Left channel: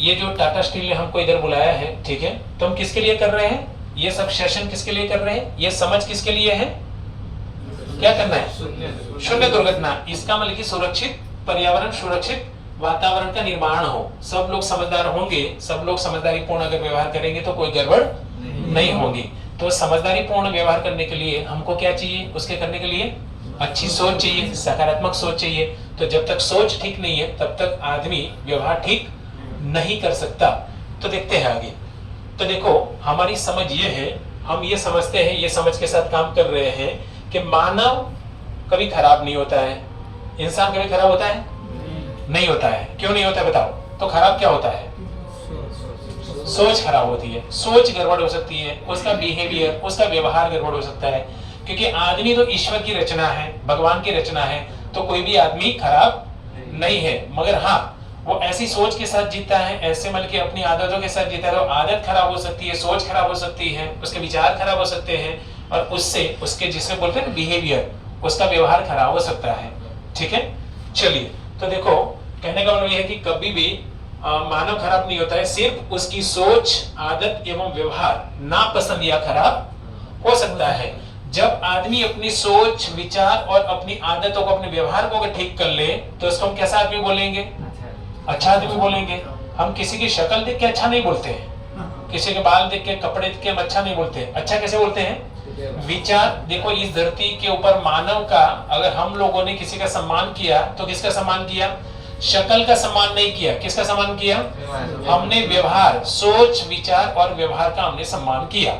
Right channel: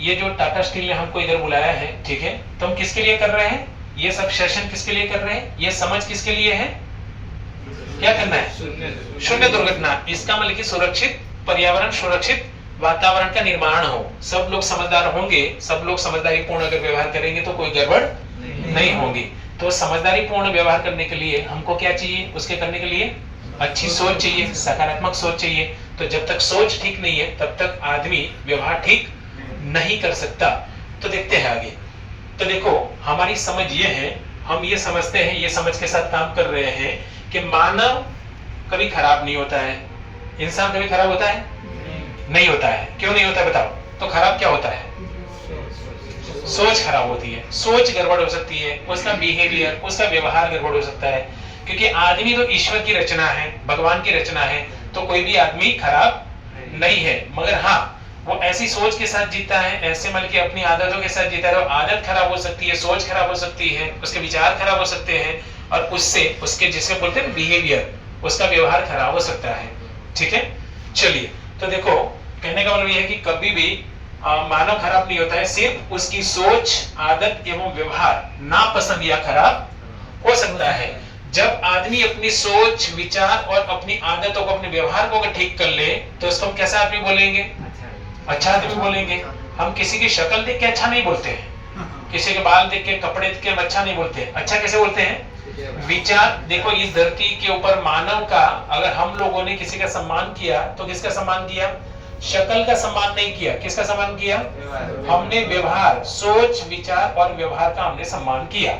ये जो टाटा स्टील ने हमको इधर बुलाया है, ठीक है, तो हम किसके लिए कर रहे हैं? ये सब सेशन किसके लिए कर रहे हैं? ये समझ किसके लिए है? क्या करना है? शून्य दुर्घटना। इसका मतलब कि सुरक्षित पर्यावरण, सुरक्षित वातावरण का निर्माण हो। सब लोग समझदार होंगे, सब लोग समझदारी पूर्ण अगर व्यवहार करेंगे तो कोई गड़बड़ नहीं होगी। तो समझदारी पूर्ण व्यवहार करने के लिए हमको क्या चाहिए? उसके करने के लिए अच्छी सोच चाहिए, सकारात्मक सोच चाहिए। तो जब तक सोच ठीक नहीं है तब तक आदमी व्यवहार ठीक नहीं कर सकता। तो देखते हैं आगे। तो देखो हमारी समझ ये है, हम ये समझते हैं, ये समझ के साथ काम कर रहे हैं कि मानव कभी खराब नहीं होता है। इंसान कभी खराब होता है? नहीं होता है। क्यों नहीं होता है बताओ? तो खराब क्या होता है? सोच खराब होती है, सोच गड़बड़ हो सकती है, उसका बिहेवियर, उसका व्यवहार गड़बड़ हो सकता है। क्योंकि आदमी तो ईश्वर की रचना है, भगवान की रचना है, तो कोई भी आदमी खराब नहीं है। मगर हाँ, वो ऐसी सोच के साथ जीता है, ऐसे मतलब कि अपनी आदतों के साथ जीता है, तो आदत खराब हो सकती है, सोच खराब हो सकती है, उसके विचार खराब हो सकते हैं, और उससे उसके जिसे बोलते हैं बिहेवियर, उसका व्यवहार खराब हो सकता है। ठीक है, चलिए। तो देखो कहने का मतलब यह है कि कभी भी मानव खराब नहीं होता है, सिर्फ उसकी सोच, आदत एवं व्यवहार नापसंद या खराब हो सकता है। जब आदमी अपनी सोच, विचार और अपनी आदतों को, अपने व्यवहार को अगर ठीक कर ले तो उसको हम कैसा आदमी बोलेंगे? अच्छा आदमी बोलेंगे। हम किसी की शक्ल देख के अच्छा नहीं बोलते हैं, किसी के बाल देख के, कपड़े देख के हम अच्छा नहीं बोलते हैं। अच्छा कैसे बोलते हैं? विचार। देखो इस धरती के ऊपर मानव का, अगर हम लोगों ने किसी का सम्मान किया तो किसका सम्मान किया? शक्ल का सम्मान नहीं किया। किसका सम्मान किया? हमने व्यवहार, सोच, विचार और व्यवहार का हमने सम्मान किया।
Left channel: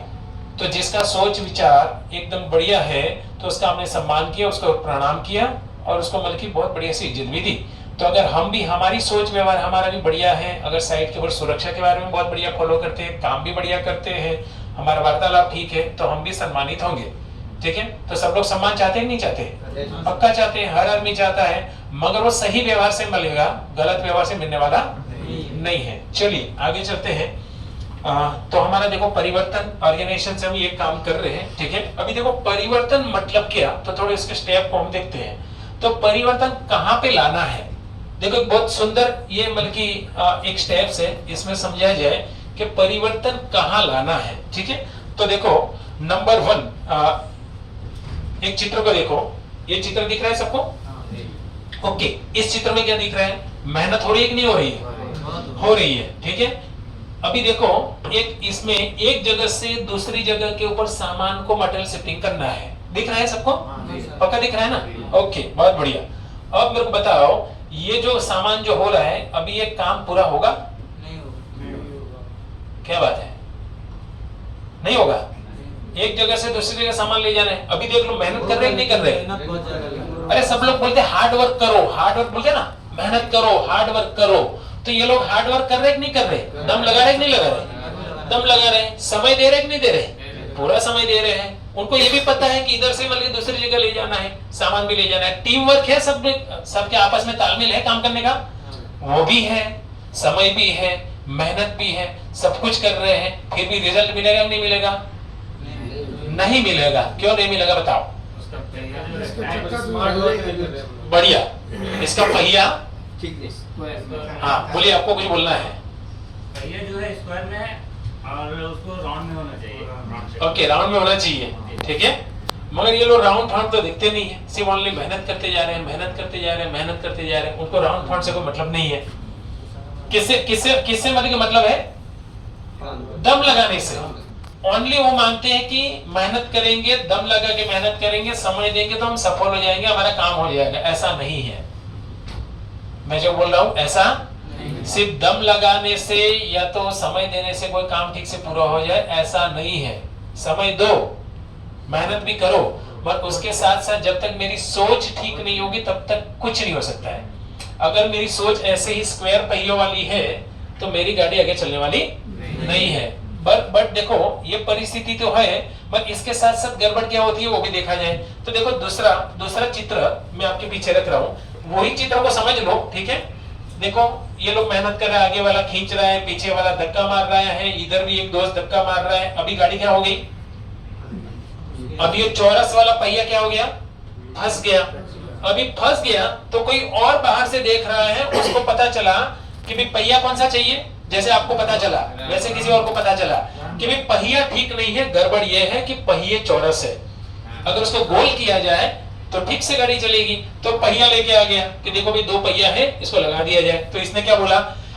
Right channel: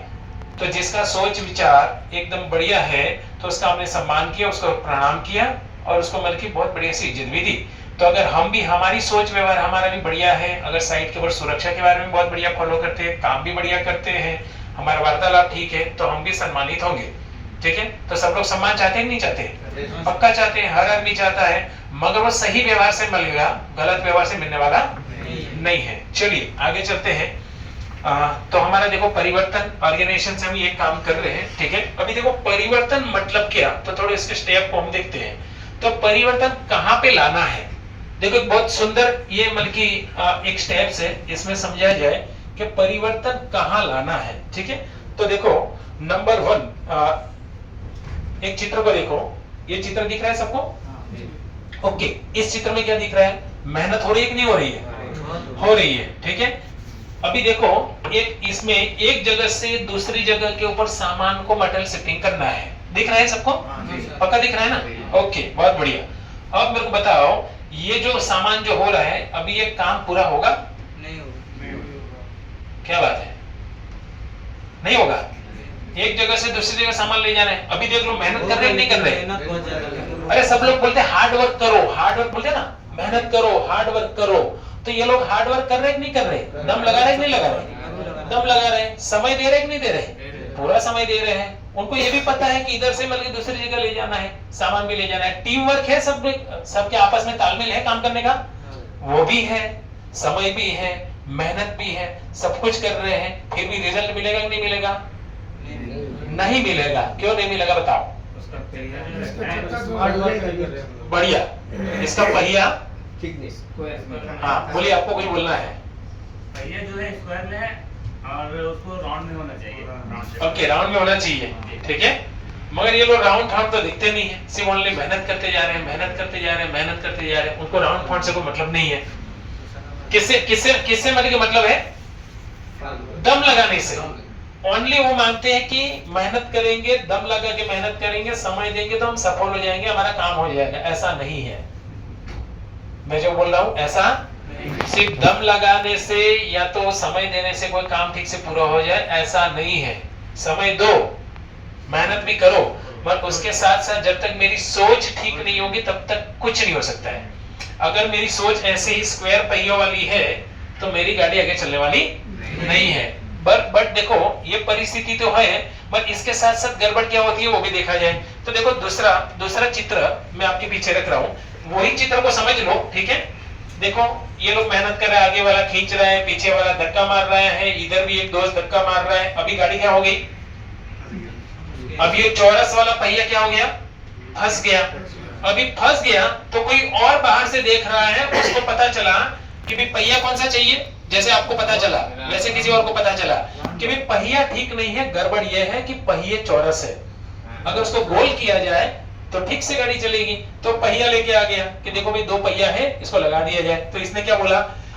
तो जिसका सोच विचार एकदम बढ़िया है तो उसका हमने सम्मान किया, उसको प्रणाम किया और उसको मतलब की बहुत बढ़िया सी इज्जत भी दी। तो अगर हम भी, हमारी सोच व्यवहार हमारा भी बढ़िया है, अगर साइड के ऊपर सुरक्षा के बारे में बहुत बढ़िया फॉलो करते हैं, काम भी बढ़िया करते हैं, हमारा वार्तालाप ठीक है, तो हम भी सम्मानित होंगे। ठीक है, तो सब लोग सम्मान चाहते हैं कि नहीं चाहते? पक्का चाहते हैं, हर आदमी चाहता है, मगर वो सही व्यवहार से मिलेगा, गलत व्यवहार से मिलने वाला नहीं है। चलिए आगे चलते हैं। तो हमारा देखो परिवर्तन, ऑर्गेनाइजेशन से हम ये काम कर रहे हैं। ठीक है, अभी देखो परिवर्तन मतलब क्या, तो थोड़े इसके स्टेप को हम देखते हैं। तो परिवर्तन कहाँ पे लाना है? देखो एक बहुत सुंदर ये मतलब की एक स्टेप्स है, इसमें समझा जाए कि परिवर्तन कहाँ लाना है। ठीक है, तो देखो नंबर 1, एक चित्र को देखो, ये चित्र दिख रहा है सबको? ओके, इस चित्र में क्या दिख रहा है? मेहनत हो रही है कि नहीं हो रही है? हो रही है। ठीक है, अभी देखो एक इसमें एक जगह से दूसरी जगह के ऊपर सामान को मटेरियल शिफ्टिंग करना है। दिख रहा है सबको? पक्का दिख रहा है ना? ओके, बहुत बढ़िया। अब मेरे को बताओ, ये जो सामान जो हो रहा है, अभी ये काम पूरा होगा? नहीं होगा। क्या बात है, नहीं होगा? एक जगह से दूसरी जगह सामान ले जाना है। अभी देख लो मेहनत कर रहे हैं नहीं कर रहे? अरे सब लोग बोलते हैं हार्ड वर्क करो, हार्ड वर्क बोलते हैं ना, मेहनत करो, हार्ड वर्क करो। तो ये लोग हार्ड वर्क कर रहे हैं कि नहीं कर रहे? दम लगा रहे कि नहीं लगा रहे? दम लगा रहे हैं। समय दे रहे कि नहीं दे रहे? पूरा समय दे रहे हैं। उनको ये भी पता है कि इधर से मिलकर दूसरी जगह ले जाना है, सामान भी ले जाना है। टीम वर्क है, सब सबके आपस में तालमेल है काम करने का, वो भी है, समय भी है, मेहनत भी है, सब कुछ कर रहे हैं। फिर भी रिजल्ट मिलेगा कि नहीं मिलेगा? नहीं मिलेगा। क्यों नहीं मिलेगा बताओ? बढ़िया, इसका पहिया। हाँ बोलिए, आपको कुछ बोलना है? पहिया जो है स्क्वायर में है और उसको राउंड में होना चाहिए। ओके, राउंड में होना चाहिए। ठीक है, मगर ये लोग राउंड फाउंड तो दिखते नहीं है, सिर्फ ओनली मेहनत करते जा रहे हैं, मेहनत करते जा रहे हैं, मेहनत करते जा रहे हैं। उनको राउंड फाउंड से कोई मतलब नहीं है। किससे किससे किससे मतलब है? दम लगाने से। ओनली वो मानते हैं कि मेहनत करेंगे, दम लगा के मेहनत करेंगे, समय देंगे तो हम सफल हो जाएंगे, हमारा काम हो जाएगा। ऐसा नहीं है। मैं जो बोल रहा हूं ऐसा सिर्फ दम लगाने से या तो समय देने से कोई काम ठीक से पूरा हो जाए, ऐसा नहीं है। समय दो, मेहनत भी करो, पर उसके साथ साथ जब तक मेरी सोच ठीक नहीं होगी तब तक कुछ नहीं हो सकता है। अगर मेरी सोच ऐसे ही स्क्वायर पहियों वाली है तो मेरी गाड़ी आगे चलने वाली नहीं है। बट देखो ये परिस्थिति तो है, पर इसके साथ साथ गड़बड़ क्या होती है वो भी देखा जाए। तो देखो दूसरा चित्र मैं आपके पीछे रख रहा हूँ, वही चित्र को समझ लो। ठीक है, देखो ये लोग मेहनत कर रहा है, आगे वाला खींच रहा है, पीछे वाला धक्का मार रहा है, इधर भी एक दोस्त धक्का मार रहा है। अभी गाड़ी क्या हो गई? अब ये चौरस वाला पहिया क्या हो गया? फंस गया। अभी फंस गया तो कोई और बाहर से देख रहा है, उसको पता चला कि भी पहिया कौन सा चाहिए? जैसे आपको पता चला वैसे किसी और को पता चला कि भाई पहिया ठीक नहीं है, गड़बड़ ये है कि पहिए चौरस है, अगर उसको गोल किया जाए तो ठीक से गाड़ी चलेगी। तो पहिया लेके आ गया कि देखो भाई 2 पहिया है, इसको लगा दिया जाए। तो इसने क्या बोला,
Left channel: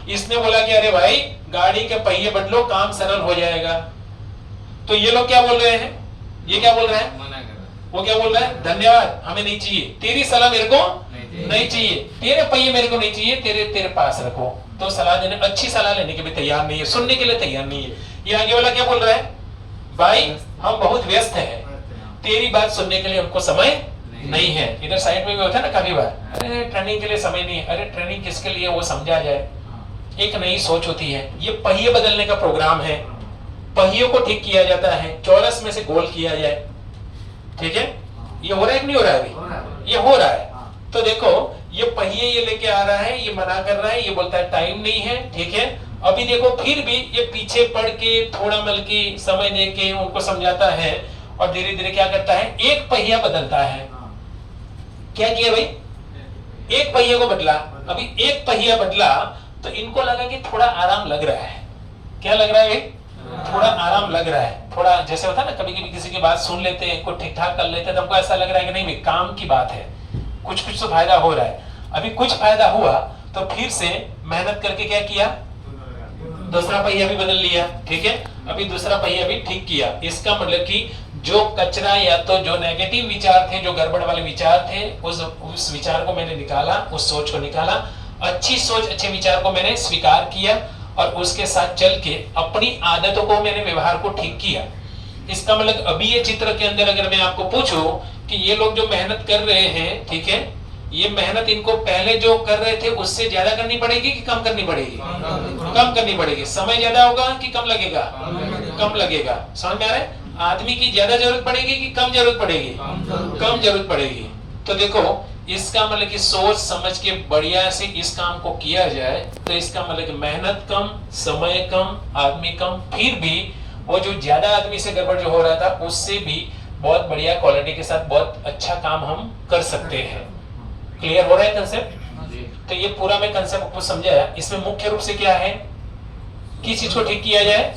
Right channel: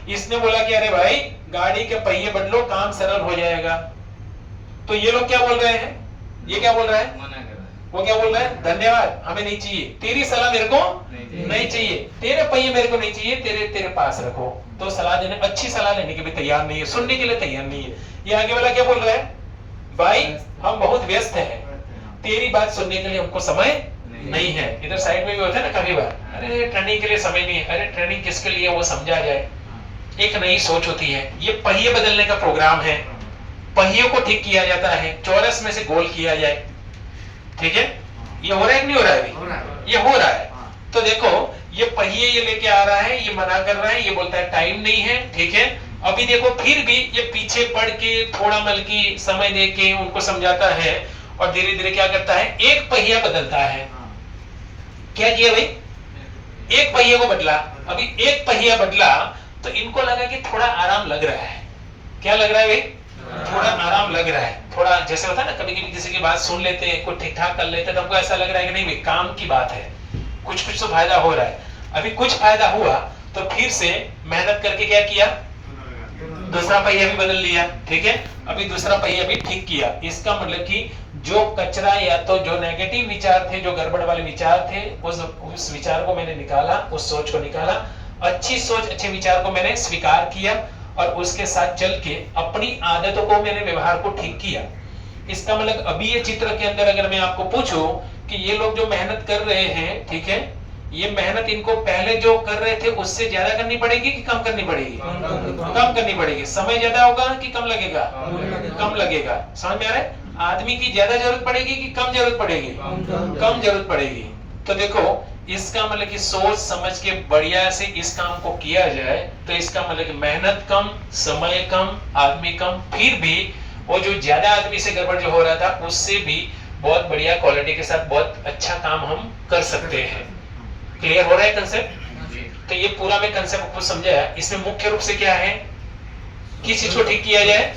इसने बोला कि अरे भाई गाड़ी के पहिए बदलो, काम सरल हो जाएगा। तो ये लोग क्या बोल रहे हैं, ये क्या बोल रहा है, मना कर रहा है। वो क्या बोल रहा है, धन्यवाद हमें नहीं चाहिए, तेरी सलाह मेरे को नहीं चाहिए, तेरे पहिए मेरे को नहीं चाहिए, तेरे पास रखो। तो सलाह देने, अच्छी सलाह लेने के भी तैयार नहीं है, सुनने के लिए तैयार नहीं है। ये आगे वाला क्या बोल रहा है, भाई हम बहुत व्यस्त हैं, तेरी बात सुनने के लिए हमको समय नहीं है। इधर साइड में भी होता है ना काफी बार, अरे ट्रेनिंग के लिए समय नहीं है, अरे ट्रेनिंग किसके लिए वो समझा जाए। एक नई सोच होती है, ये पहिए बदलने का प्रोग्राम है, पहियों को ठीक किया जाता है, चौरस में से गोल किया जाए, ठीक है। ये हो रहा है कि नहीं हो रहा है अभी, ये हो रहा है। तो देखो ये पहिए ये लेके आ रहा है, ये मना कर रहा है, ये बोलता है टाइम नहीं है, ठीक है। अभी देखो फिर भी ये पीछे पड़ के थोड़ा बल्कि समय दे के उनको समझाता है और धीरे धीरे क्या करता है, एक पहिया बदलता है। क्या किया भाई, एक पहिए को बदला। अभी एक पहिया बदला तो इनको लगा कि थोड़ा आराम लग रहा है। क्या लग रहा है भाई, थोड़ा आराम लग रहा है। थोड़ा जैसे होता है ना, कभी कभी किसी की बात सुन लेते हैं, कुछ ठीक ठाक कर लेते हैं, तो हमको ऐसा लग रहा है कि नहीं भाई काम की बात है, कुछ कुछ तो फायदा हो रहा है। अभी कुछ फायदा हुआ तो फिर से मेहनत करके क्या किया, दूसरा पहिया भी बदल लिया, ठीक है। अभी दूसरा पहिया भी ठीक किया। इसका मतलब कि जो कचरा या तो जो नेगेटिव विचार थे, जो गड़बड़ वाले विचार थे, उस विचार को मैंने निकाला, उस सोच को निकाला, अच्छी सोच अच्छे विचार को मैंने स्वीकार किया और उसके साथ चल के अपनी आदतों को मैंने, व्यवहार को ठीक किया। इसका मतलब अभी ये चित्र के अंदर अगर मैं आपको पूछूं कि ये लोग जो मेहनत कर रहे हैं, ठीक है, ये मेहनत इनको पहले जो कर रहे थे उससे ज्यादा करनी पड़ेगी कि कम करनी पड़ेगी, कम करनी पड़ेगी। समय ज्यादा होगा कि कम लगेगा, कम लगेगा। समझ में आ रहा है, आदमी की ज्यादा जरूरत पड़ेगी कि कम जरूरत पड़ेगी, कम जरूरत पड़ेगी। तो देखो इसका मतलब कि सोच समझ के बढ़िया से इस काम को किया जाए तो इसका मतलब कि मेहनत कम, समय कम, आदमी कम, फिर भी वो जो ज्यादा आदमी से गड़बड़ जो हो रहा था उससे भी बहुत बढ़िया क्वालिटी के साथ बहुत अच्छा काम हम कर सकते हैं। क्लियर हो रहा है कंसेप्ट। तो ये पूरा मैं कंसेप्ट आपको समझाया। इसमें मुख्य रूप से क्या है, किस चीज को ठीक किया जाए,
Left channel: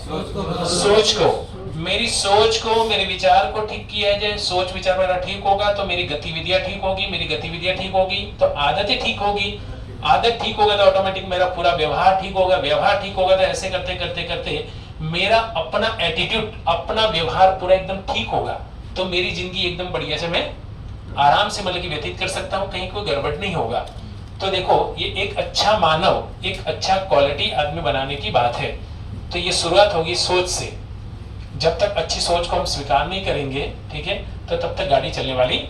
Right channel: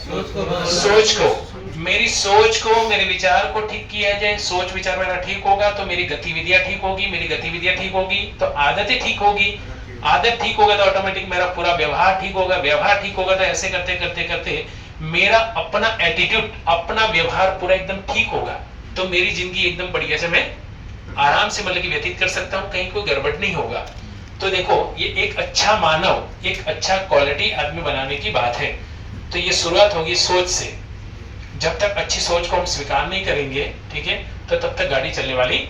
सोच को, मेरी सोच को, मेरे विचार को ठीक किया जाए। सोच विचार मेरा ठीक होगा तो मेरी गतिविधियां ठीक होगी, मेरी गतिविधियां ठीक होगी तो आदतें ठीक होगी, आदत ठीक होगा तो ऑटोमेटिक मेरा पूरा व्यवहार ठीक होगा, व्यवहार ठीक होगा तो ऐसे करते करते करते मेरा अपना एटीट्यूड, अपना व्यवहार पूरा एकदम ठीक होगा तो मेरी जिंदगी एकदम बढ़िया से मैं आराम से मतलब कि व्यतीत कर सकता हूँ, कहीं कोई गड़बड़ नहीं होगा। तो देखो ये एक अच्छा मानव, एक अच्छा क्वालिटी आदमी बनाने की बात है। तो ये शुरुआत होगी सोच से। जब तक अच्छी सोच को हम स्वीकार नहीं करेंगे, ठीक है, तो तब तक गाड़ी चलने वाली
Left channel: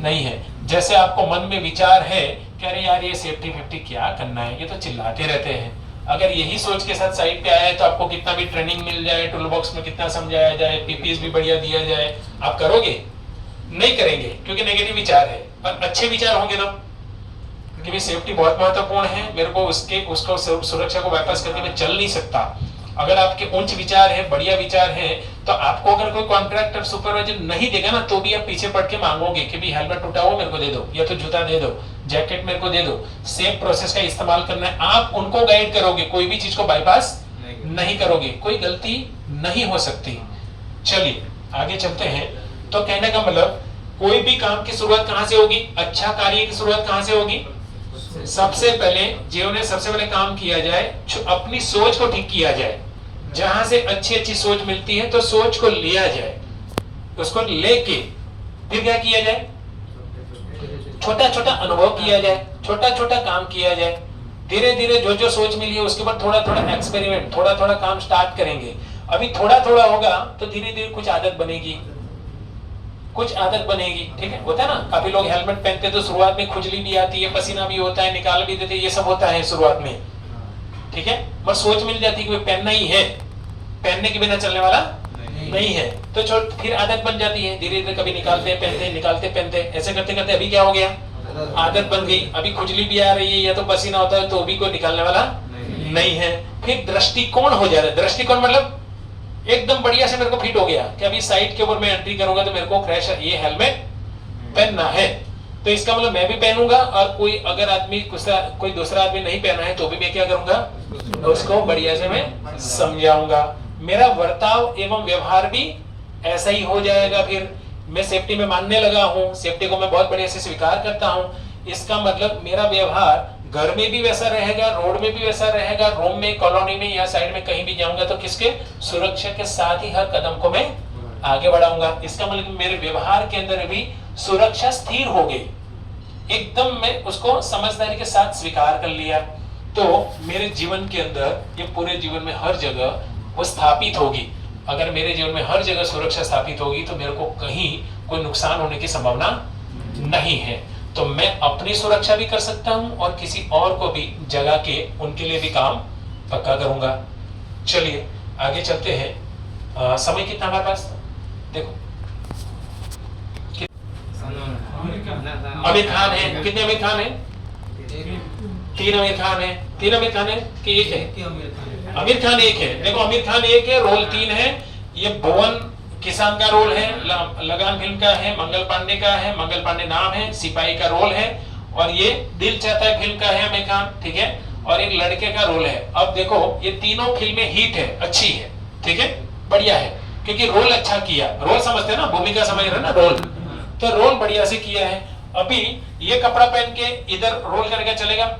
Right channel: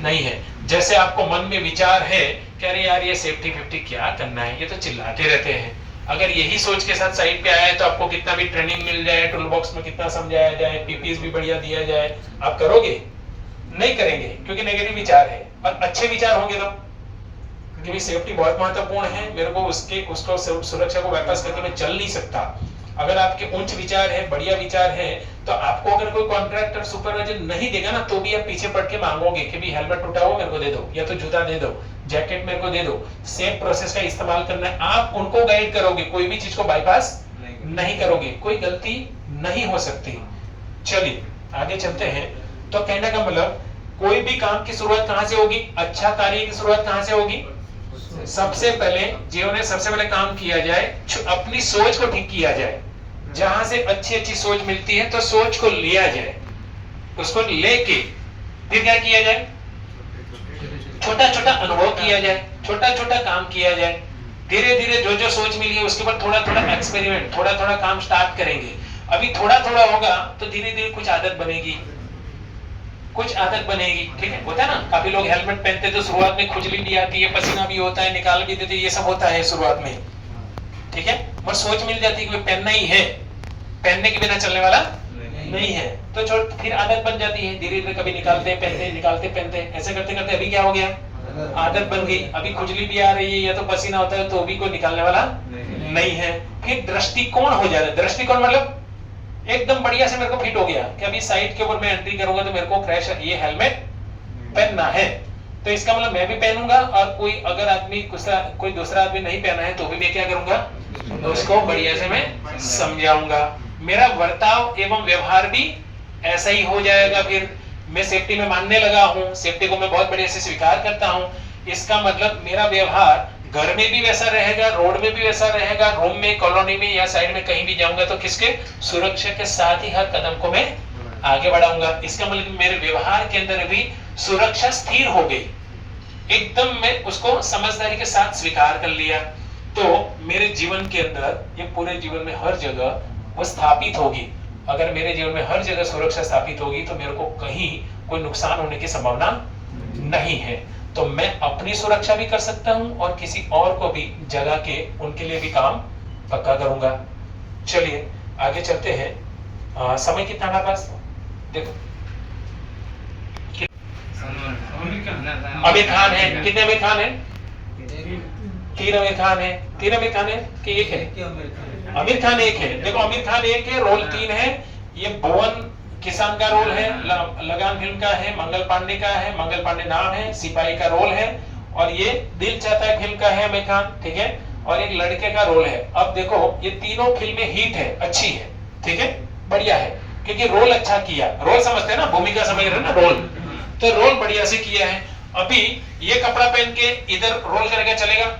नहीं है। जैसे आपको मन में विचार है कि अरे यार ये सेफ्टी 50 क्या करना है, ये तो चिल्लाते रहते हैं। अगर यही सोच के साथ साइड पे आया है तो आपको कितना भी ट्रेनिंग मिल जाए, टूल बॉक्स में कितना समझाया जाए, पीपीएस भी बढ़िया दिया जाए, आप करोगे नहीं करेंगे क्योंकि नेगेटिव विचार है। और अच्छे विचार होंगे तो क्योंकि सेफ्टी बहुत महत्वपूर्ण है, मेरे को उसको सुरक्षा को वापस करके मैं चल नहीं सकता। अगर आपके उच्च विचार है, बढ़िया विचार है, तो आपको अगर कोई कॉन्ट्रैक्टर सुपरवाइजर नहीं देगा ना तो भी आप पीछे पड़ के मांगोगे कि भी हेलमेट टूटा हुआ मेरे को दे दो, या तो जूता दे दो, जैकेट मेरे को दे दो। सेम प्रोसेस का इस्तेमाल करना है, आप उनको गाइड करोगे, कोई भी चीज को बाईपास नहीं करोगे, कोई गलती नहीं हो सकती। चलिए आगे चलते हैं। तो कहने का मतलब कोई भी काम की शुरुआत कहां से होगी, अच्छा कार्य की शुरुआत कहां से होगी, सबसे पहले जीवन में सबसे पहले काम किया जाए, अपनी सोच को ठीक किया जाए। जहां से अच्छी अच्छी सोच मिलती है तो सोच को लिया जाए, उसको लेके फिर क्या किया जाए, छोटा छोटा अनुभव किया जाए, छोटा छोटा काम किया जाए। धीरे धीरे जो जो सोच मिली है उसके ऊपर थोड़ा थोड़ा एक्सपेरिमेंट, थोड़ा थोड़ा काम स्टार्ट करेंगे। अभी थोड़ा थोड़ा होगा तो धीरे धीरे कुछ आदत बनेगी, कुछ आदत बनेगी, ठीक है। होता है ना, काफी लोग हेलमेट पहनते तो शुरुआत में खुजली भी आती है, पसीना भी होता है, निकाल भी देते, ये सब होता है शुरुआत में, ठीक है। पर सोच मिल जाती है कि पहनना ही है, पहनने के बिना चलने वाला नहीं है, तो फिर आदत बन जाती है। धीरे धीरे कभी निकालते पहनते हैं, निकालते पहनते हैं, ऐसे करते करते अभी क्या हो गया, आदत बन गई। अभी खुजली भी आ रही है या तो पसीना होता है तो भी कोई निकालने वाला नहीं है। फिर दृष्टिकोण हो जा रहा है। दृष्टिकोण मतलब एकदम बढ़िया से मेरे को फिट हो गया कि अभी साइड के ऊपर मैं एंट्री करूंगा तो मेरे को क्रैश ये हेलमेट पहनना है, तो इसका मतलब मैं भी पहनूंगा। और कोई अगर आदमी कोई दूसरा आदमी नहीं पहना है तो भी मैं क्या करूंगा, उसको बढ़िया से मैं समझाऊंगा। मेरा बर्ताव एवं व्यवहार भी ऐसा ही हो जाएगा। फिर मैं सेफ्टी में मानने लगा हूँ, सेफ्टी को मैं बहुत बढ़िया से स्वीकार करता हूँ। इसका मतलब मेरा व्यवहार घर में भी वैसा रहेगा, रोड में भी वैसा रहेगा, रूम में, कॉलोनी में या साइड में कहीं भी जाऊंगा तो किसके सुरक्षा के साथ ही हर कदम को मैं आगे बढ़ाऊंगा। इसका मतलब मेरे व्यवहार के अंदर भी सुरक्षा स्थिर हो गई, एकदम मैं उसको समझदारी के साथ स्वीकार कर लिया। तो मेरे जीवन के अंदर, ये पूरे जीवन में हर जगह वो स्थापित होगी। अगर मेरे जीवन में हर जगह सुरक्षा स्थापित होगी तो मेरे को कहीं कोई नुकसान होने की संभावना नहीं है। तो मैं अपनी सुरक्षा भी कर सकता हूं और किसी और को भी जगा के उनके लिए भी काम पक्का करूंगा। चलिए आगे चलते हैं। समय कितना हमारे पास देखो। आमिर खान है, कितने आमिर खान है? 3 आमिर खान है। 3 आमिर खान है कि एक है? आमिर खान एक है। देखो आमिर खान एक है, रोल 3 है। ये भुवन किसान का रोल है, लगान फिल्म का है, मंगल पांडे का है, मंगल पांडे नाम है, सिपाही का रोल है, और ये दिल चाहता है फिल्म का है आमिर खान, ठीक है, और एक लड़के का रोल है। अब देखो ये तीनों फिल्में हिट है, अच्छी है, ठीक है, बढ़िया है, क्योंकि रोल अच्छा किया। रोल समझते हैं ना, भूमिका समझ रहे ना, रोल, तो रोल बढ़िया से किया है। अभी ये कपड़ा पहन के इधर रोल करके चलेगा?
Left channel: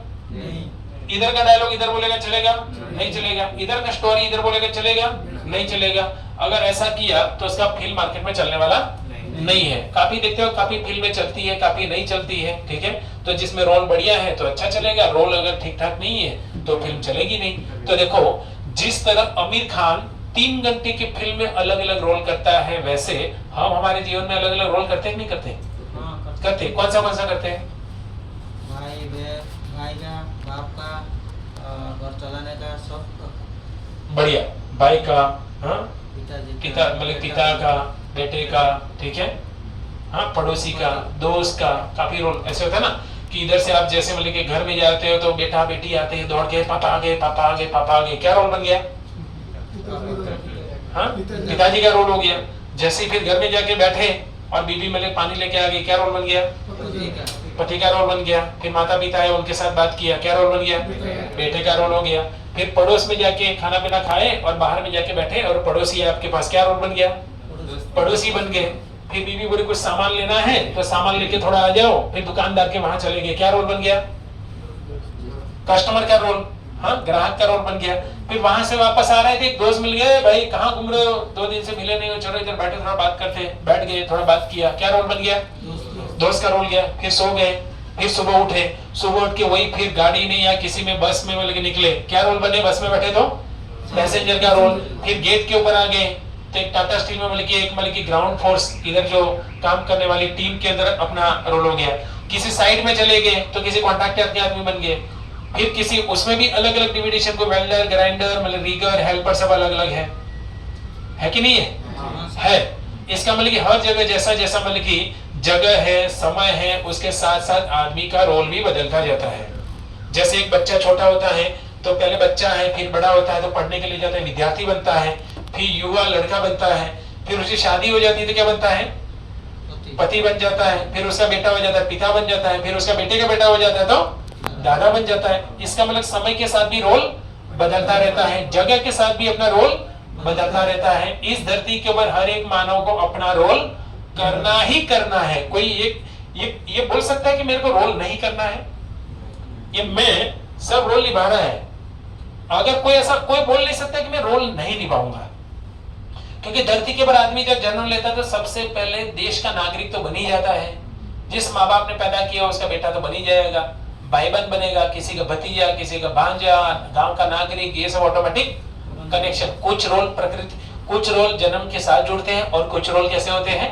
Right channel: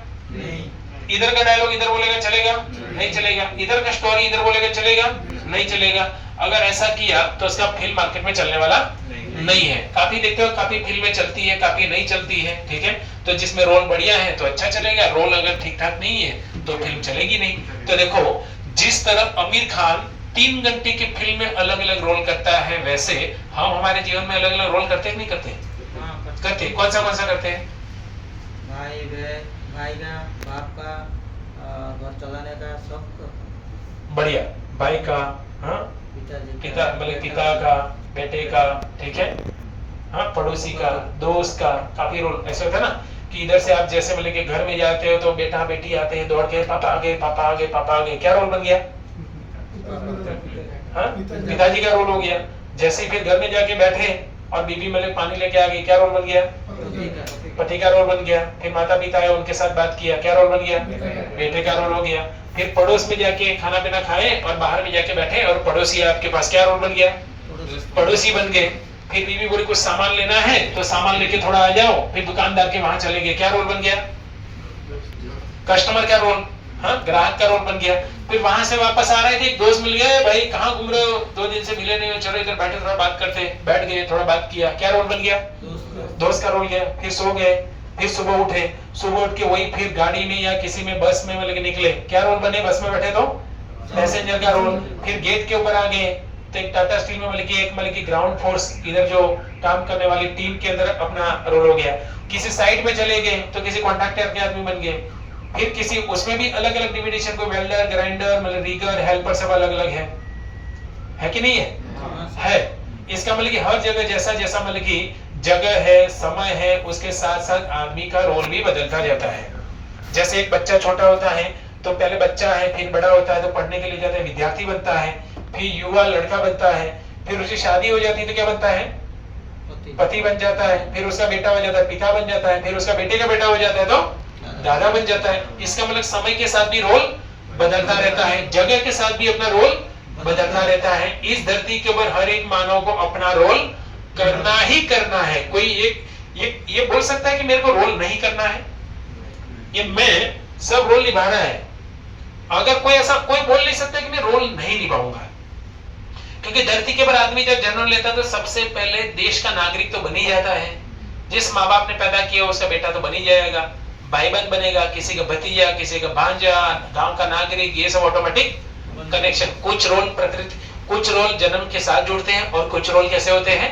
इधर का डायलॉग इधर बोलेगा, चलेगा? नहीं चलेगा। इधर का स्टोरी इधर बोलेगा, चलेगा? नहीं चलेगा। अगर ऐसा किया तो उसका फिल्म मार्केट में चलने वाला नहीं है। काफी देखते हो, काफी फिल्में चलती है, काफी नहीं चलती है, ठीक है। तो जिसमें रोल बढ़िया है तो अच्छा चलेगा, रोल अगर ठीक ठाक नहीं है तो फिल्म चलेगी नहीं। तो देखो जिस तरह आमिर खान 3 घंटे की फिल्म में अलग अलग रोल करता है, वैसे हम हमारे जीवन में अलग अलग रोल करते हैं कि नहीं करते? करते। कौन सा करते हैं? भाई का, बाप का, घर चलाने का, सब बढ़िया। भाई का, हाँ, पिता मतलब पिता का, बेटे का, ठीक है, हाँ, पड़ोसी का, दोस्त का, काफी रोल ऐसे होता है ना कि इधर से आप जैसे मतलब कि घर में जाते हो तो बेटा बेटी आते हैं दौड़ के, पापा आ गए, पापा आ गए, पापा आ गए, क्या रोल बन गया? हाँ, पिताजी का रोल हो गया। जैसे ही फिर घर में जाके बैठे और बीबी मतलब पानी लेके आ गई, क्या रोल बन गया? पति का रोल बन गया। फिर माता पिता है उनके साथ बात किया, क्या रोल बन गया? बेटे का रोल हो गया। फिर पड़ोस में जाके खाना पीना खाए और बाहर में जाके बैठे और पड़ोसी आपके पास, क्या रोल बन गया? पड़ोसी बन गए। फिर बीबी बोली कुछ सामान लेना है तो सामान लेके थोड़ा आ जाओ, फिर दुकानदार के वहां चले गए, क्या रोल बन गया? कस्टमर का रोल, हाँ, ग्राहक का रोल बन गया। फिर वहां से वापस आ रहे थे, एक दोस्त मिल गए, भाई कहाँ घूम रहे हो, 2 दिन से मिले नहीं हो, चलो इधर बैठे थोड़ा बात करते। बैठ गए, थोड़ा बात किया, क्या रोल बन गया? दोस्त का रोल गया। फिर सो गए, फिर सुबह उठे, सुबह उठ के वही फिर गाड़ी में या किसी में बस में मतलब निकले, क्या रोल बने? बस में बैठे तो पैसेंजर का रोल। फिर गेट के ऊपर आ गए तो एक टाटा स्टील में मतलब कि ग्राउंड फोर्स इधर जो काम करने वाली टीम के अंदर अपना रोल हो गया। किसी साइड में चले गए तो किसी कॉन्ट्रैक्टर के आदमी बन गए। फिर किसी उसमें भी अलग अलग डिविडेशन, को वेल्डर, ग्राइंडर, मतलब रीगर, हेल्पर, सब अलग अलग है कि नहीं है? इसका मतलब कि हर जगह जैसा जैसा मतलब कि जगह है, समय है, उसके साथ साथ आदमी का रोल भी बदलता जाता है। जैसे एक बच्चा छोटा होता है तो पहले बच्चा है, फिर बड़ा होता है तो पढ़ने के लिए जाता है, विद्यार्थी बनता है, फिर युवा लड़का बनता है, फिर उसकी शादी हो जाती है तो क्या बनता है? पति बन जाता है। फिर उसका बेटा हो जाता है, पिता बन जाता है। फिर उसका बेटे का बेटा हो जाता है तो दादा बन जाता है। इसका मतलब समय के साथ भी रोल बदलता रहता है, जगह के साथ भी अपना रोल बदलता रहता है। इस धरती के ऊपर हर एक मानव को अपना रोल करना ही करना है। कोई ये बोल सकता है कि मेरे को रोल नहीं करना है? ये मैं सब रोल निभा रहा है। अगर कोई ऐसा कोई बोल नहीं सकता कि मैं रोल नहीं निभाऊंगा, क्योंकि धरती के ऊपर आदमी जब जन्म लेता है तो सबसे पहले देश का नागरिक तो बन ही जाता है। जिस माँ बाप ने पैदा किया उसका बेटा तो बन ही जाएगा, भाई बहन बनेगा, किसी का भतीजा, किसी का भांजा, गांव का नागरिक, ये सब ऑटोमेटिक कनेक्शन। कुछ रोल प्रकृति, कुछ रोल जन्म के साथ जुड़ते हैं और कुछ रोल कैसे होते हैं,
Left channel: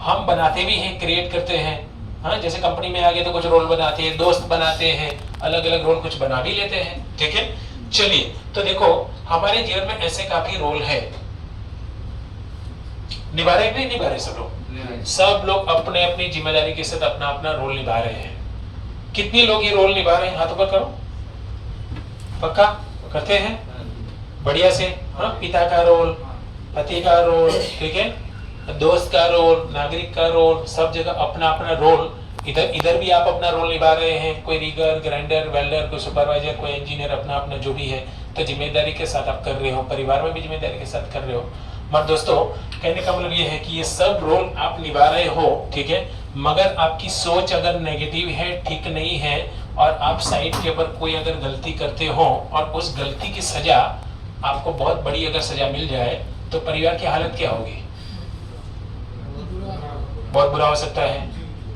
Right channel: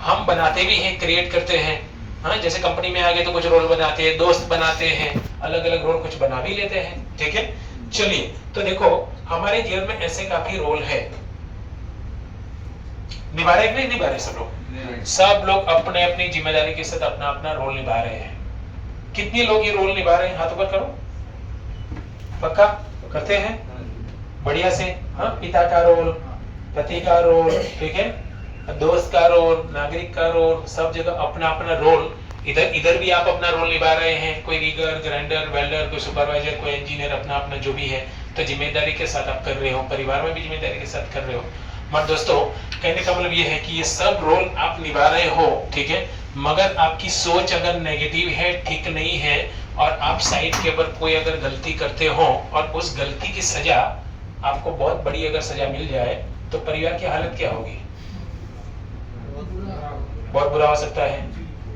हम बनाते भी हैं, क्रिएट करते हैं। हाँ, जैसे कंपनी में आ गए तो कुछ रोल बनाते हैं, दोस्त बनाते हैं, अलग अलग रोल कुछ बना भी लेते हैं, ठीक है। चलिए तो देखो हमारे जीवन में ऐसे काफी रोल है। निभा रहे नहीं निभा रहे सब लोग अपने अपनी जिम्मेदारी के साथ अपना अपना रोल निभा रहे हैं। कितने लोग ये रोल निभा रहे हैं, हाथ ऊपर करो। पक्का करते हैं बढ़िया से। हाँ, पिता का रोल, पति का रोल, ठीक है, दोस्त का रोल, नागरिक का रोल, सब जगह अपना अपना रोल इधर इधर भी आप अपना रोल निभा रहे हैं, कोई रीगर, ग्राइंडर, वेल्डर, कोई सुपरवाइजर, कोई इंजीनियर, अपना अपना जो भी है, तो जिम्मेदारी के साथ आप कर रहे हो, परिवार में भी जिम्मेदारी के साथ कर रहे हो। मगर दोस्तों कहने का मतलब ये है कि ये सब रोल आप निभा रहे हो, ठीक है, मगर आपकी सोच अगर नेगेटिव है, ठीक नहीं है, और आप साइड के ऊपर कोई अगर गलती करते हो और उस गलती की सजा आपको बहुत बड़ी अगर सजा मिल जाए तो परिवार की हालत क्या होगी? बहुत बुरा हो सकता है,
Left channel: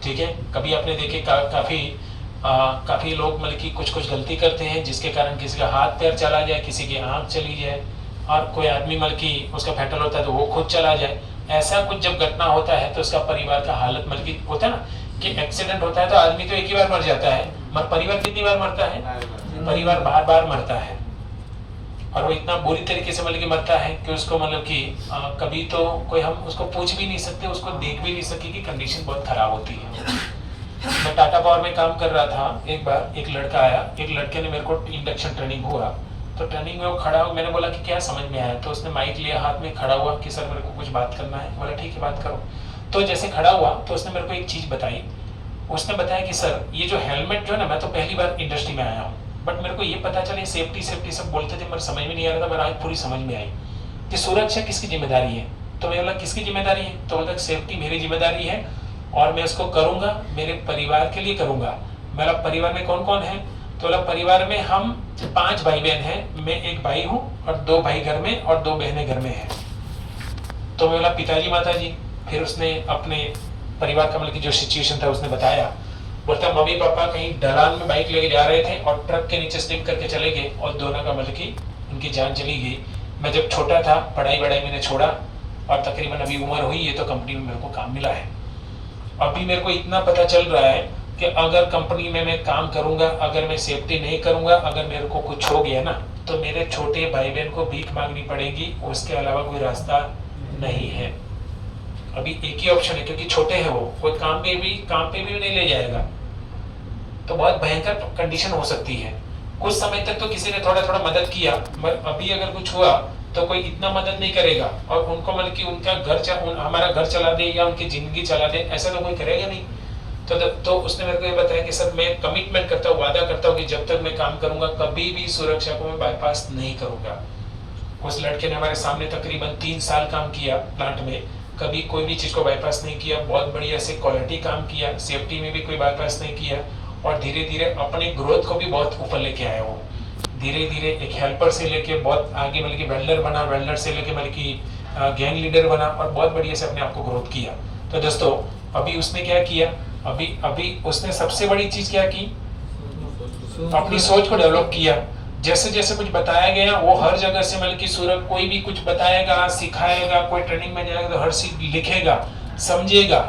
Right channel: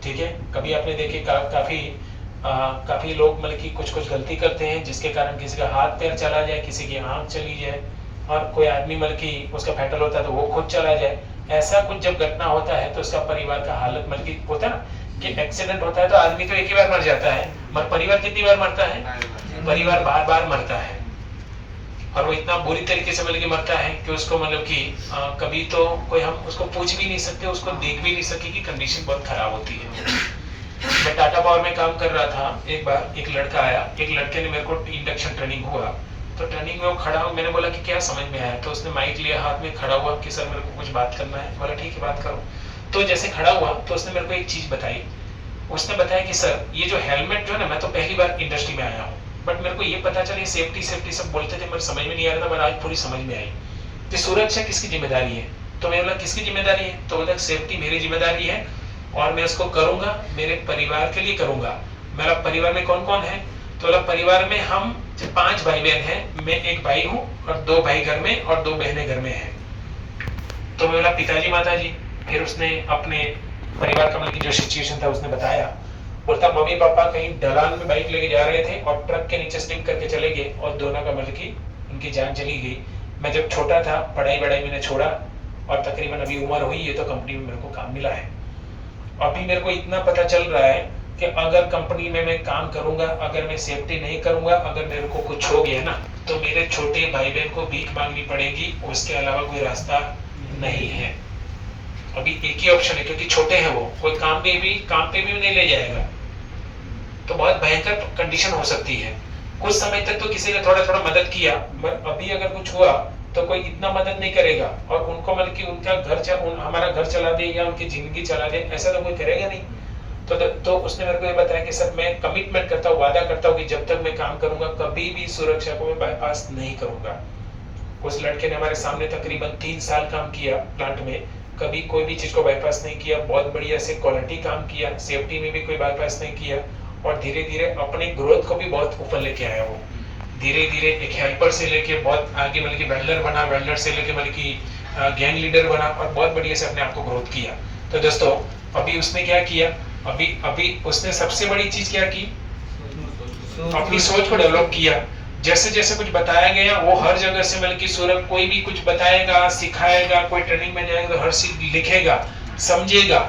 ठीक है। कभी आपने देखे काफी लोग मतलब कि कुछ गलती करते हैं जिसके कारण किसी का हाथ पैर चला जाए, किसी की आंख चली जाए, और कोई आदमी मतलब कि उसका फैटल होता है तो वो खुद चला जाए। ऐसा कुछ जब घटना होता है तो उसका परिवार का हालत मतलब कि होता है ना कि एक्सीडेंट होता है तो आदमी तो एक ही बार मर जाता है, मगर परिवार कितनी बार मरता है? परिवार बार बार मरता है, और वो इतना बुरी तरीके से मतलब कि मरता है कि उसको मतलब कि कभी तो कोई हम उसको पूछ भी नहीं सकते, उसको देख भी नहीं सके कि कंडीशन बहुत खराब होती है। मैं टाटा पावर में काम कर रहा था, एक बार एक लड़का आया, एक लड़के ने मेरे को इंडक्शन ट्रेनिंग हुआ, तो ट्रेनिंग में वो खड़ा हुआ, मैंने बोला कि क्या समझ में आया, तो उसने माइक लिया हाथ में, खड़ा हुआ कि सर मेरे को कुछ बात करना है। बोला ठीक है बात करो। तो जैसे खड़ा हुआ तो उसने मेरे को एक चीज बताई, उसने बताया कि सर ये जो हेलमेट जो है ना, मैं तो पहली बार इंडस्ट्री में आया हूँ, बट मेरे को ये पता चले सेफ्टी सब बोलते थे, मेरे समझ में नहीं आ रहा था, मेरे आज पूरी समझ में आई कि सुरक्षा किसकी जिम्मेदारी है। तो मैं बोला किसकी जिम्मेदारी है? तो बोला सेफ्टी मेरी जिम्मेदारी है और मैं इसको करूंगा, मेरे परिवार के लिए करूंगा। मेरा परिवार में कौन कौन है? तो बोला परिवार में हम 5 भाई बहन हैं, मैं एक भाई हूँ और 2 भाई घर में और 2 बहनें घर में हैं। तो मैं बोला पिताजी माताजी, फिर उसने अपने परिवार का मतलब की जो सिचुएशन था उसने बताया। बोलता मम्मी पापा कहीं ढलान में बाइक लेके जा रहे थे और ट्रक के नीचे स्लिप करके चले गए और दोनों का मतलब की उनकी जान चली गई। मैं जब छोटा था पढ़ाई मैंने छोड़ा और तकरीबन अभी उम्र हुई है तो कंपनी में मेरे को काम मिला है। अभी मेरे को इतना पता चल रहा है कि अगर कंपनी में मैं काम करूंगा, अगर मैं सेफ्टी नहीं करूंगा, अगर मेरे को कुछ हो गया ना तो मेरे छोटे भाई बहन को भीख मांगनी पड़ेगी, उसके अलावा कोई रास्ता नहीं है। अभी एक ही ऑप्शन है क्योंकि छोटे हैं वो, कोई काम पे भी नहीं ले जाएगा, तो बहुत भयंकर कंडीशन हो सकती है। कुछ समय तक तो किसी ने थोड़ा मदद किया, मगर अभी अगर कुछ हुआ तो कोई इतना मदद नहीं करेगा और उनको मतलब कि उनका हमारा घर चला दे या उनकी जिंदगी चला दे, ऐसा तो कोई करेगा नहीं। तो उसने मेरे को ये बताया कि सर मैं कमिटमेंट करता हूँ, वादा करता हूँ कि जब तक मैं काम करूंगा कभी भी सुरक्षा को मैं बाईपास नहीं करूंगा। उस लड़के ने हमारे सामने तकरीबन 3 साल काम किया प्लांट में, कभी कोई भी चीज को बाईपास नहीं किया, बहुत बढ़िया से क्वालिटी काम किया, सेफ्टी में भी कोई बाईपास नहीं किया और धीरे धीरे अपने ग्रोथ को भी बहुत ऊपर लेके आया। वो धीरे धीरे एक हेल्पर से लेके बहुत आगे मतलब कि वेल्डर बना, वेल्डर से लेके मतलब कि गैंग लीडर बना और बहुत बढ़िया से अपने आप को ग्रोथ किया। तो दोस्तों अभी उसने क्या किया, अभी उसने सबसे बड़ी चीज क्या की, अपनी सोच को डेवलप किया। जैसे जैसे कुछ बताया गया वो हर जगह से मतलब कि सूरज कोई भी कुछ बताएगा, सिखाएगा, कोई ट्रेनिंग में जाएगा तो हर चीज लिखेगा, समझेगा।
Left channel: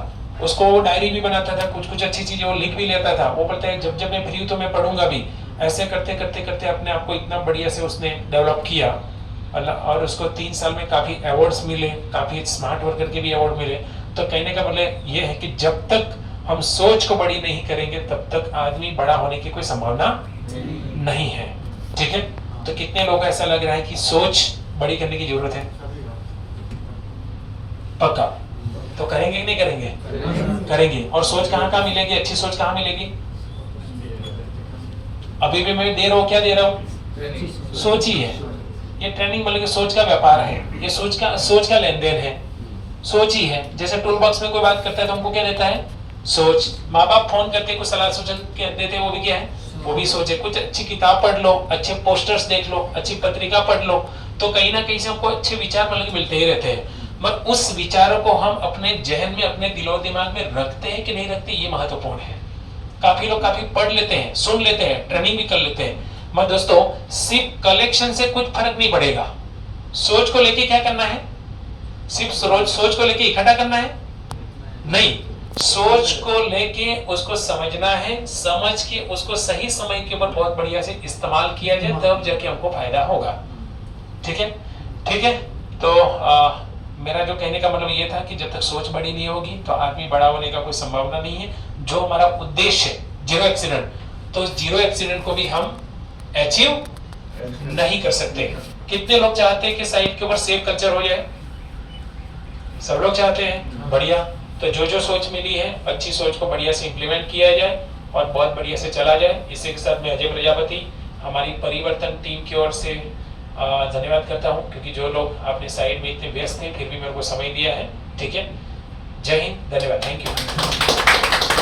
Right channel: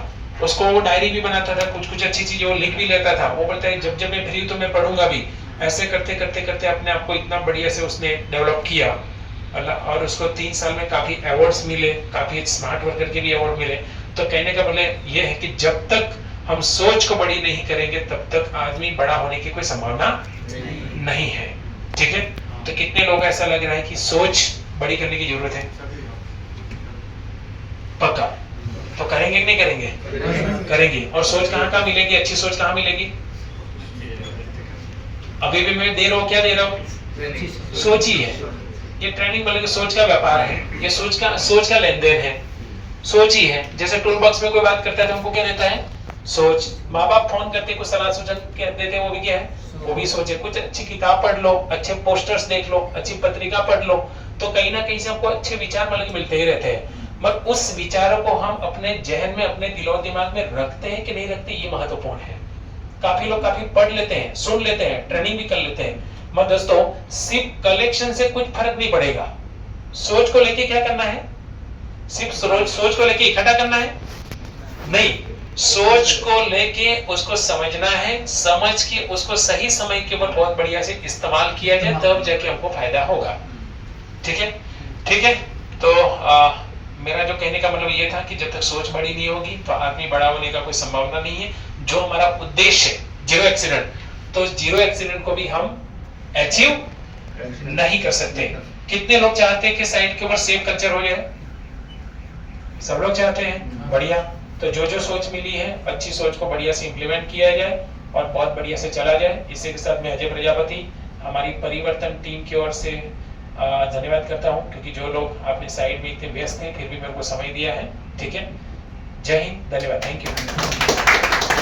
उसको वो डायरी भी बनाता था, कुछ अच्छी चीजें वो लिख भी लेता था। वो बोलता है जब मैं फ्री हूं तो मैं पढ़ूंगा भी। ऐसे करते करते अपने आप को इतना बढ़िया से उसने डेवलप किया और उसको 3 साल में काफी अवार्ड्स मिले, काफी स्मार्ट वर्कर के भी अवार्ड मिले। तो कहने का मतलब ये है कि जब तक हम सोच को बड़ी नहीं करेंगे तब तक आदमी बड़ा होने की कोई संभावना नहीं है, ठीक है। तो कितने लोग ऐसा लग रहा है कि सोच बड़ी करने की जरूरत है? पक्का तो करेंगे कि नहीं करेंगे? करेंगे। और सोच कहाँ मिलेगी, अच्छी सोच कहाँ मिलेगी? अभी भी मैं दे रहा हूँ, क्या दे रहा हूँ? सोच ही है। ये ट्रेनिंग मतलब सोच का व्यापार है, ये सोच का लेन देन है, सोच ही है। जैसे टूल बॉक्स में कोई बात करता है तो हमको क्या देता है? सोच। माँ बाप फोन करते कुछ सलाह सूचन देते हैं, वो भी क्या है? वो भी सोचे। कुछ अच्छी किताब पढ़ लो, अच्छे पोस्टर्स देख लो, अच्छी पत्रिका पढ़ लो, तो कहीं ना कहीं से हमको अच्छे विचार मतलब मिलते ही रहते हैं। मगर उस विचारों को हम अपने जहन में, अपने दिलो दिमाग में रखते हैं कि नहीं रखते, ये महत्वपूर्ण है। काफी लोग काफी पढ़ लेते हैं, सुन लेते हैं, ट्रेनिंग भी कर लेते हैं, मगर दोस्तों सिर्फ कलेक्शन से कुछ फर्क नहीं पड़ेगा। सोच को लेके क्या करना है? सिर्फ सोच को लेके इकट्ठा करना है? नहीं, सोच को लेके उसको समझना है, समझ के उसको सही समय के ऊपर बहुत बढ़िया से इस्तेमाल किया जाए, तब जाके हमको फायदा होगा। ठीक है, ठीक है। तो मेरा जो कहने का मतलब ये था कि जब तक सोच बड़ी नहीं होगी तो आदमी बड़ा होने का कोई संभावना नहीं है। जो हमारा उद्देश्य है 0 एक्सीडेंट, तो 0 एक्सीडेंट को भी हम अचीव नहीं कर सकते। कितने लोग चाहते हैं कि साइड के ऊपर सेफ कल्चर हो जाए? सब लोग चाहते हैं, बढ़िया। तो जो जो सोच मिली है अच्छी सोच को बढ़िया से इम्प्लीमेंट किया जाए और बहुत बढ़िया से चला जाए। इसी के साथ मैं अजय प्रजापति हमारी परिवर्तन टीम की ओर से धन्यवाद करता हूं, क्योंकि जो लोग अपने साइड में इतने व्यस्त थे फिर भी मेरे को समय दिया है। ठीक है, जय हिंद, धन्यवाद, थैंक यू।